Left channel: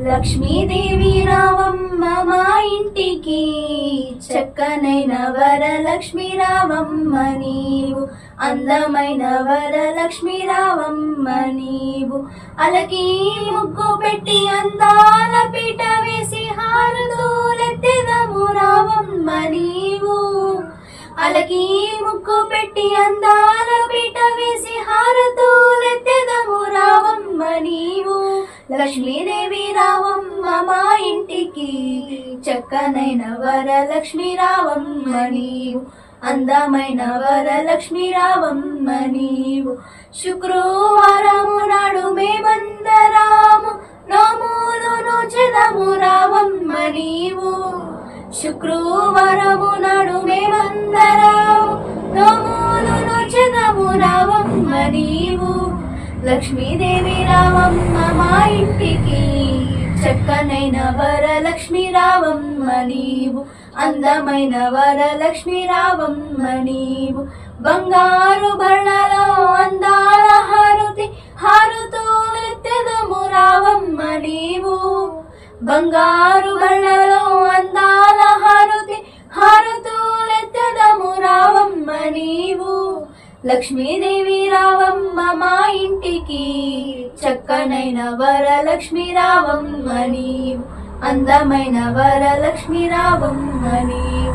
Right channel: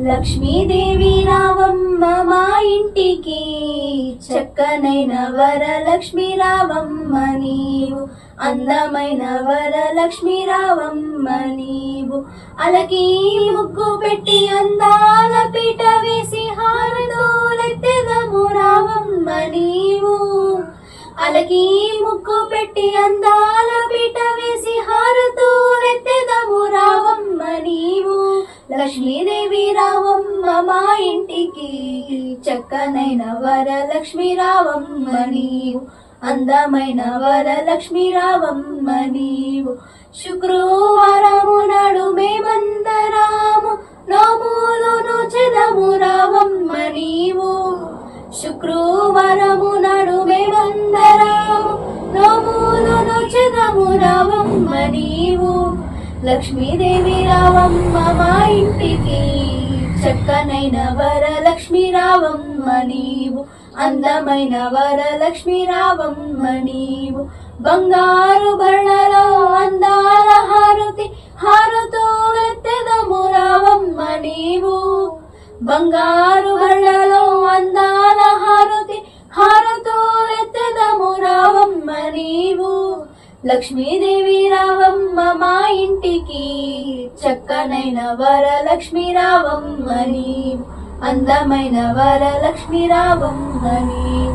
లక్ష్మీదేవి రావమ్మ మా ఇంటికి, చక్కనైన వరలక్ష్మి రావమ్మ నీవు, అందమైన వరలక్ష్మి రావమ్మ నీవు. అలకి ముగ్గు పెట్టి అందాల పీట వేసి హారతోలెత్తెదము రావమ్మ నీవు. అలకి ముగ్గు పెట్టి అందాల పీట వేసి హారతోలెత్తెదము రావమ్మ నీవు. లక్ష్మీదేవి రావమ్మ మా ఇంటికి, చక్కనైన వరలక్ష్మి రావమ్మ నీవు, అందమైన వరలక్ష్మి రావమ్మ నీవు. శుక్రవారము నాడు మేమందరాము నోములను చెదము రావమ్మ నీవు. శుక్రవారము నాడు మేమందరాము నోములను చెదము రావమ్మ నీవు. లక్ష్మీదేవి రావమ్మ మా ఇంటికి, చక్కనైన వరలక్ష్మి రావమ్మ నీవు, అందమైన వరలక్ష్మి రావమ్మ నీవు. బంగారు బళ్ళలో అందాల హారతి హారతోలెత్తెదము రావమ్మ నీవు. బంగారు బళ్ళలో అందాల హారతి హారతోలెత్తెదము రావమ్మ నీవు. లక్ష్మీదేవి రావమ్మ మా ఇంటికి, చక్కనైన వరలక్ష్మి రావమ్మ నీవు, అందమైన వరలక్ష్మి రావమ్మ నీవు.